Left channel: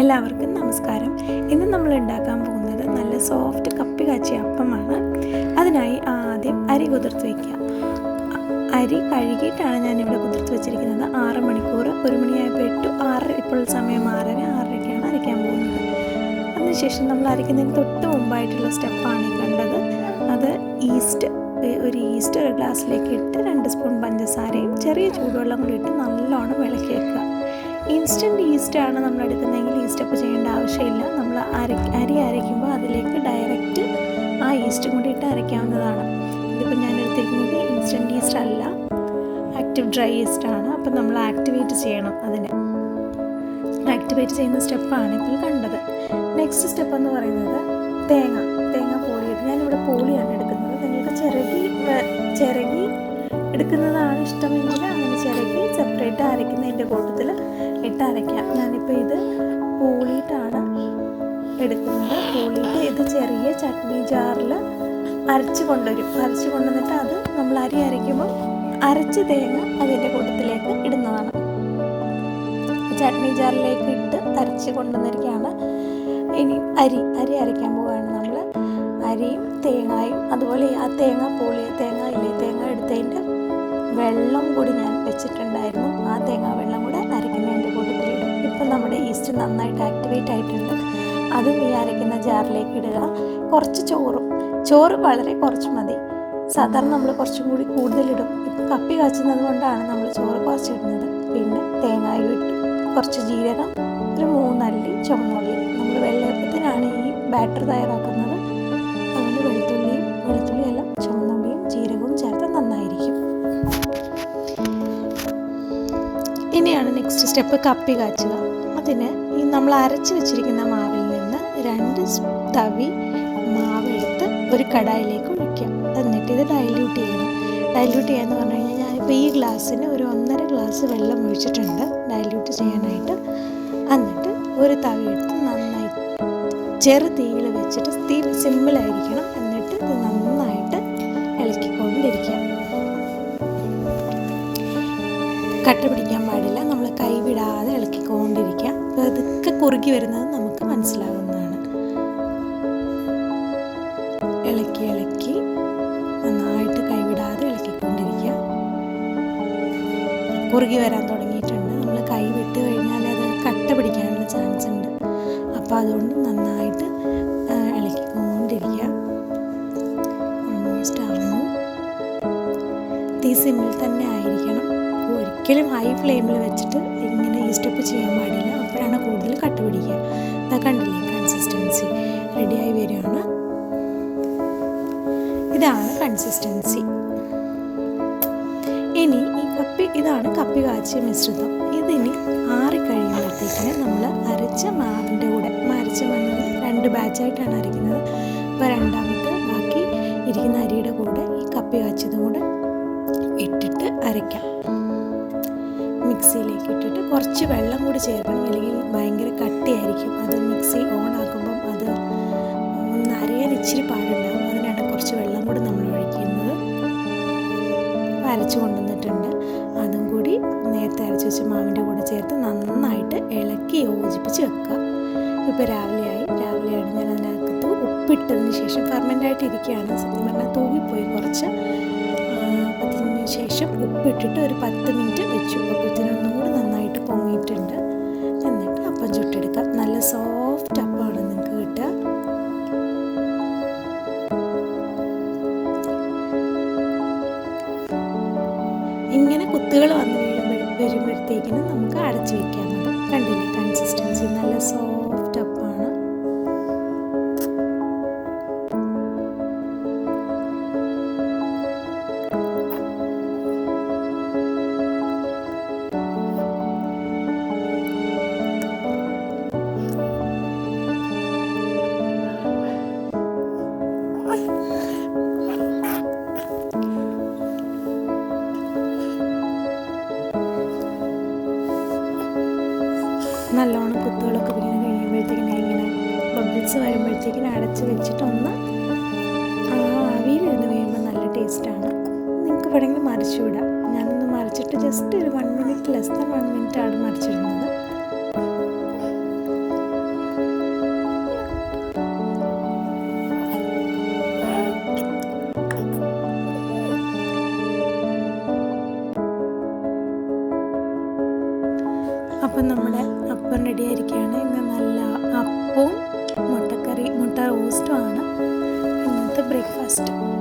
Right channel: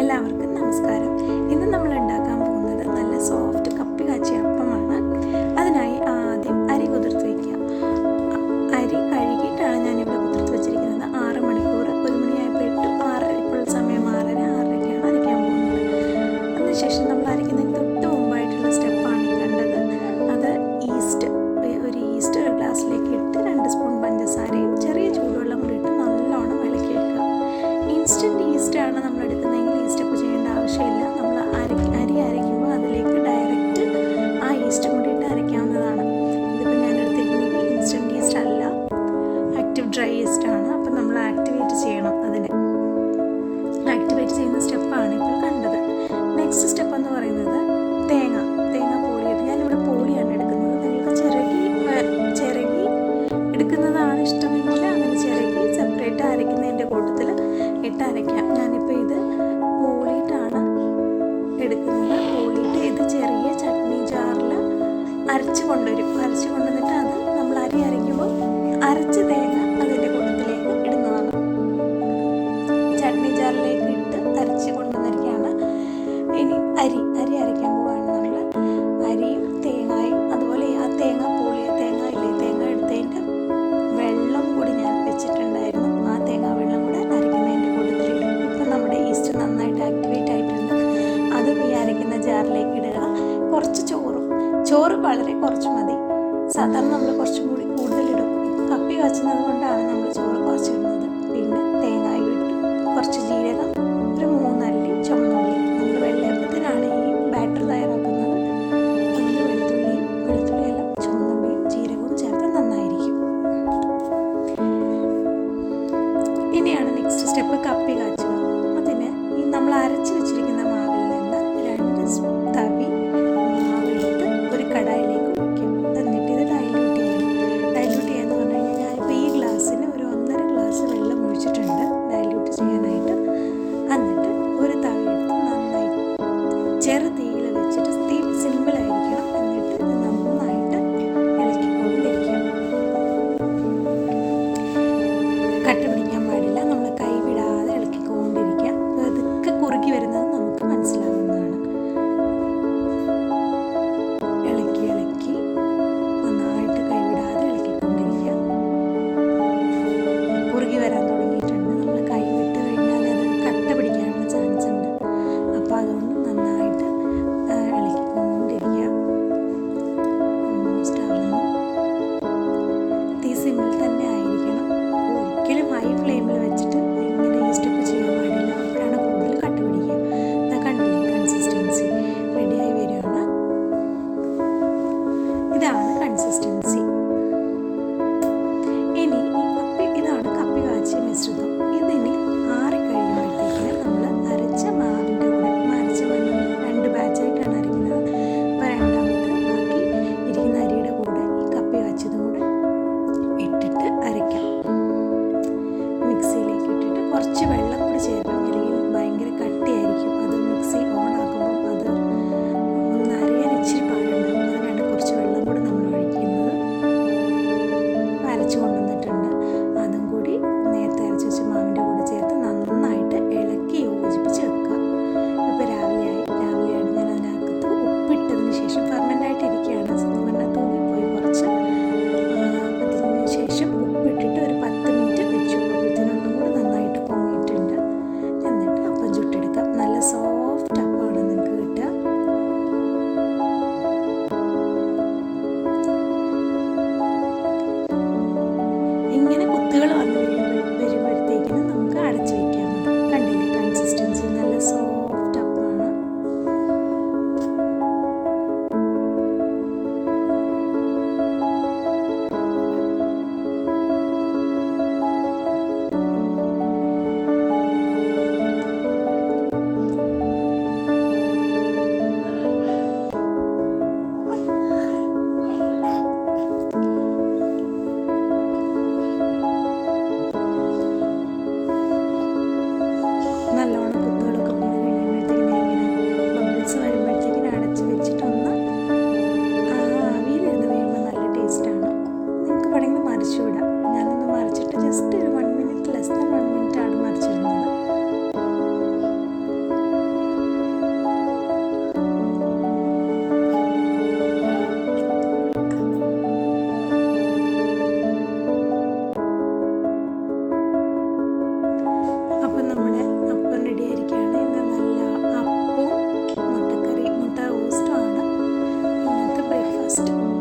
എല്ലാവർക്കും നമസ്കാരം. ഇന്ന് നമ്മൾ ഉണ്ടാക്കാൻ പോകുന്നത് നല്ല സോഫ്റ്റ് കപ്പി കാച്ചിയ അപ്പമാണ്. അതിനായി ആദ്യം അരി കുതിർത്ത് വയ്ക്കുക. അരി കഴുകിയിട്ടാണ് ഞാനിവിടെ കുതിർത്ത് വെച്ചിരിക്കുന്നത്. 6 മണിക്കൂർ, 1 മണിയായപ്പോൾ ഇട്ടു. 6, ഇപ്പോൾ സമയം 6:30-6:30ക്കാണ് അരയ്ക്കാൻ പോകുന്നത്. അതിനുശേഷം നമ്മൾ അരയ്ക്കുന്നതിന് തൊട്ട് മുമ്പായിട്ടുള്ള സ്റ്റെപ്പാണ് ഈ കണ്ടത്. അത് ഒരു ഈസ്റ്റ് ഒരു ഗ്ലാസ്സിലേക്ക് ഇട്ട് 2 സ്പൂൺ പഞ്ചസാരയും ചെറിയ ചൂടുവെള്ളം കൂടി ഇട്ട് നല്ലോണം ഇളക്കി വെക്കുക. ഇൻസ്റ്റൻറ്റ് ഈസ്റ്റാണ് നമ്മൾ എടുക്കുന്നതെങ്കിൽ ഈ സ്റ്റെപ്പ് ചെയ്യേണ്ട ആവശ്യമില്ല. നമ്മൾ അരി അരയ്ക്കുമ്പോൾ അതിലേക്ക് ഡയറക്റ്റ് ആ ഈസ്റ്റും കൂടി ഇട്ട് അരയ്ക്കാവുന്നതാണ്. ഇതിപ്പോൾ ഞാൻ എടുത്തിരിക്കുന്നത് ഇൻസ്റ്റൻറ്റ് ഈസ്റ്റ് അല്ല, ആക്റ്റീവ് ഡ്രൈ ഈസ്റ്റാണ്. അപ്പം നമ്മൾ ആക്ടിവേറ്റ് ചെയ്യണം. അതിനെ ആക്ടിവേറ്റ് ചെയ്യുന്ന സ്റ്റെപ്പാണ് ഇപ്പോൾ കണ്ടത്. നെക്സ്റ്റ് സ്റ്റെപ്പ് എന്ന് പറയുന്നത് തേങ്ങ പോളിയിട്ട്. ഞാനിവിടെ പോളിയാണ് എടുക്കുന്നത്. നിങ്ങൾക്ക് ചിരകി എടുക്കുന്നതാണ് ഇഷ്ടമെങ്കിൽ അങ്ങനെ ചിരകി സെപ്പറേറ്റ് അരയ്ക്കുന്നതിൻ്റെ കൂട്ടത്തിൽ ഇട്ട് അരയ്ക്കാം. ഞാനിപ്പോൾ ഇത് പോളിയിട്ടാണ് എടുക്കുന്നത്. പോളിയിട്ട് ഇത് ചെറിയ ചട്നി ജാറിൽ അരച്ച് കൊണ്ടുവന്നിട്ട് അത് നമ്മൾ അരി അരയ്ക്കുമ്പോൾ അരച്ച് തേങ്ങ അതിൻ്റെ കൂട്ടത്തിലേക്ക് ഇടുന്നതാണ്. ചട്നി ജാറിലേക്ക് ഇട്ട് അരച്ച് കൊണ്ടുവന്നിരിക്കുകയാണ്. ഇനി അരി അരയ്ക്കാൻ പോവുകയാണ് നമ്മൾ. അരിയും തേങ്ങയും അതുപോലെ ആ തേങ്ങ എടുത്തതിൻ്റെ വെള്ളം കൂടി ഞാൻ വെച്ചിട്ടുണ്ടായിരുന്നു. ആ തേങ്ങ വെള്ളം കൂടെ അരയ്ക്കുന്നതിൻ്റെ കൂട്ടത്തിലിടും. ഇപ്പം നമ്മുടെ ഈസ്റ്റ് നന്നായിട്ട് ആക്ടിവേറ്റ് ആയിട്ടുണ്ട്. അതും ഈ അരയ്ക്കുന്ന ജാറിലേക്ക് ഇടുക. കുറച്ച് ചോറ് വളരെ കുറച്ച് മതി. സാധാരണ നമ്മൾ കുറച്ചും കൂടി കൂടുതലിടും. ഇപ്പം കപ്പി കാച്ചുന്നത് കൊണ്ടാണ് നമ്മൾ ചോറ് കുറച്ചിടുന്നത്. പിന്നെ തേങ്ങയും ഇട്ട് കുറച്ച് ജീരകം, ഒരു 3 അല്ലി ചുവന്നുള്ളി. നമ്മൾ വെള്ളയപ്പത്തിനാണ് ഈ ബാറ്റർ തയ്യാറാക്കുന്നത്. അതുകൊണ്ട് വെളുത്തുള്ളിയെല്ലാം ചുവന്നുള്ളിയും ജീരകവും ചേർത്ത് നന്നായിരിക്കും. ഇനിയാണ് നെക്സ്റ്റ് സ്റ്റെപ്പ് കപ്പി കാച്ചുക. അതിന് ഈ നമ്മൾ അരച്ച് വെച്ചിരിക്കുന്ന മാവിൽ നിന്ന് 2 തവി മാവെടുത്ത് ഒരു കടായിലേക്ക് ഒഴിക്കാം. എന്നിട്ട് ഇത് ഡൈല്യൂട്ട് ചെയ്യാന്ന് പറഞ്ഞു കഴിഞ്ഞാൽ ഞാനിപ്പോൾ ഈ ഗ്ലാസ്സിന് ഒരു 1.5 ഗ്ലാസ് വെള്ളം ഒഴിച്ചിട്ടുണ്ട് ഡൈല്യൂട്ട് ചെയ്യാനായിട്ട്. എന്നിട്ട് ഒരു തവി എടുത്ത് നന്നായി ചെറു തീയിൽ വെച്ചിട്ട് തീ സിമ്പിളായിരിക്കണം. എന്നിട്ട് ഇത് നന്നായിട്ട് ഇളക്കിക്കൊണ്ടിരിക്കാം. കട്ട പിടിക്കാൻ പാടില്ല. നമ്മൾ കൈ വിടാതെ ഇളക്കിക്കൊണ്ടിരിക്കാം. അതൊക്കെ കുറുകി വരുന്നത് നമുക്ക് മനസ്സിലാവുന്നതാണ്. ഇളക്കി നന്നായിട്ട് കൈവിടാതെ ഇളക്കിക്കൊണ്ടിരിക്കുക. കുറുകി വരാൻ തുടങ്ങിയിട്ടുണ്ട്. നമ്മൾ കൈ വിട്ട് കഴിഞ്ഞാൽ അത് കട്ട പിടിക്കാനുള്ള ചാൻസ് ഉണ്ട്. അപ്പോൾ അതുകൊണ്ട് നന്നായിട്ട് ഇളക്കിക്കൊണ്ടിരിക്കുക. ഓൾമോസ്റ്റ് ആവുന്നു. തീ സിമ്മിൽ തന്നെ ആയിരിക്കണം. ഒരിക്കലും ഹൈ ഫ്ലെയിമിൽ വെച്ചിട്ട് ഇങ്ങനെ ഈ സ്റ്റെപ്പ് ചെയ്യാൻ പാടില്ല. അപ്പോഴാണ് കൂടുതൽ കട്ട പിടിക്കുക. ഇതാ കണ്ടില്ലേ, കൺസിസ്റ്റൻസി റെഡിയായി വരികയാണ്. ഇതാണ് കൺസിസ്റ്റൻസി. ഇനി ഇതാണ് കപ്പി കാച്ചിയ മിശ്രിതം. ഇതിന് ആറിക്കഴിയുമ്പോഴത്തേക്കിന് നമ്മൾ അരച്ച മാവിൻ്റെ കൂടെ അരച്ച മണ്ണിൽ 2 ബാച്ചായിട്ടാണ് അരയ്ക്കുന്നത്. അപ്പോൾ രണ്ടാമത്തെ ബാക്കി ഇരിക്കുന്ന അരിയുടെ കൂടെ ഈ കപ്പി കാച്ചിയതും കൂടെ ഇട്ടിട്ട് അരയ്ക്കാം. മിക്സിയിലേക്ക് ഇട്ടിട്ട് കുറച്ച് വെള്ളം കൂടി ചേർക്കണം, അല്ലെങ്കിൽ ഭയങ്കര കട്ടിയായിരിക്കും. അത് മിക്സി ഓൺ ആക്കുമ്പം അത് ഒന്ന് അരയാൻ ഇച്ചിരി പാടുണ്ടാകും. അതിനാണ് കുറച്ച് വെള്ളം കൂടി നമ്മൾ ഒഴിക്കുന്നത്. അരച്ച് കൊണ്ടുവന്നിട്ടുണ്ട്. അതും കൂടി നേരത്തെ അരച്ച് വെച്ച മാവിൻ്റെ കൂടെ ചേർത്ത് നന്നായിട്ട് ഇളക്കി യോജിപ്പിച്ച് വെക്കുക. ഇപ്പോൾ രാവിലെയാണ് ഞാൻ അതിനകത്ത് ഉപ്പിട്ടതിന് ശേഷം ഫെർമെൻ്റായിട്ടിരിക്കുകയാണ്. സത്യം പറഞ്ഞാൽ തൂങ്ങിപ്പോയി കുറച്ച്. അതിന് ശേഷം ഉപ്പിട്ടിട്ട് ഒരു 10 മിനിറ്റ് വെച്ചു. അപ്പോഴത്തേനൊന്നും കൂടി നന്നായിട്ട് പൊങ്ങിയിട്ടുണ്ട്. എന്നിട്ട് അപ്പം ചുട്ടെടുക്കാം. നല്ല സോഫ്റ്റ് അപ്പമാണ് നിങ്ങൾക്ക് കിട്ടുക. ഇങ്ങനെ കുത്തുകൾ വന്ന് വരുമ്പോഴത്തേക്കിനും നമുക്ക് അടച്ചു വയ്ക്കാൻ മതി. കണ്ടില്ലേ കൺസിസ്റ്റൻസി, നല്ല സോഫ്റ്റ് അപ്പാണ്. നല്ലോണം കുത്തുകളൊക്കെ വീണ് കഴിയുമ്പോഴത്തേക്കിനും ഇങ്ങനെ ബബിൾസ് വരുമ്പോഴത്തേക്കിനും അടച്ച് വെച്ചിട്ടൊന്ന് ആവിയിലിരുന്ന് കഴിയുമ്പോൾ നല്ല ടേസ്റ്റാണ്. നിങ്ങൾക്ക് വേണമെങ്കിൽ മറിച്ചു വിടാം. ഞാനൊന്ന് മറിച്ചിട്ട് ജസ്റ്റ് ഒരു 1 മിനിറ്റ്, ലെസ് ദാൻ 1 മിനിറ്റ് ആണ് മറിച്ചിരുന്നത്. അപ്പം നമ്മുടെ അപ്പം റെഡി ആയിരിക്കുകയാണ്. ഇന്ന് നല്ല അപ്പവും മുട്ട റോസ്റ്റുമാണ് ഇന്നത്തെ ബ്രേക്ക്ഫാസ്റ്റ്.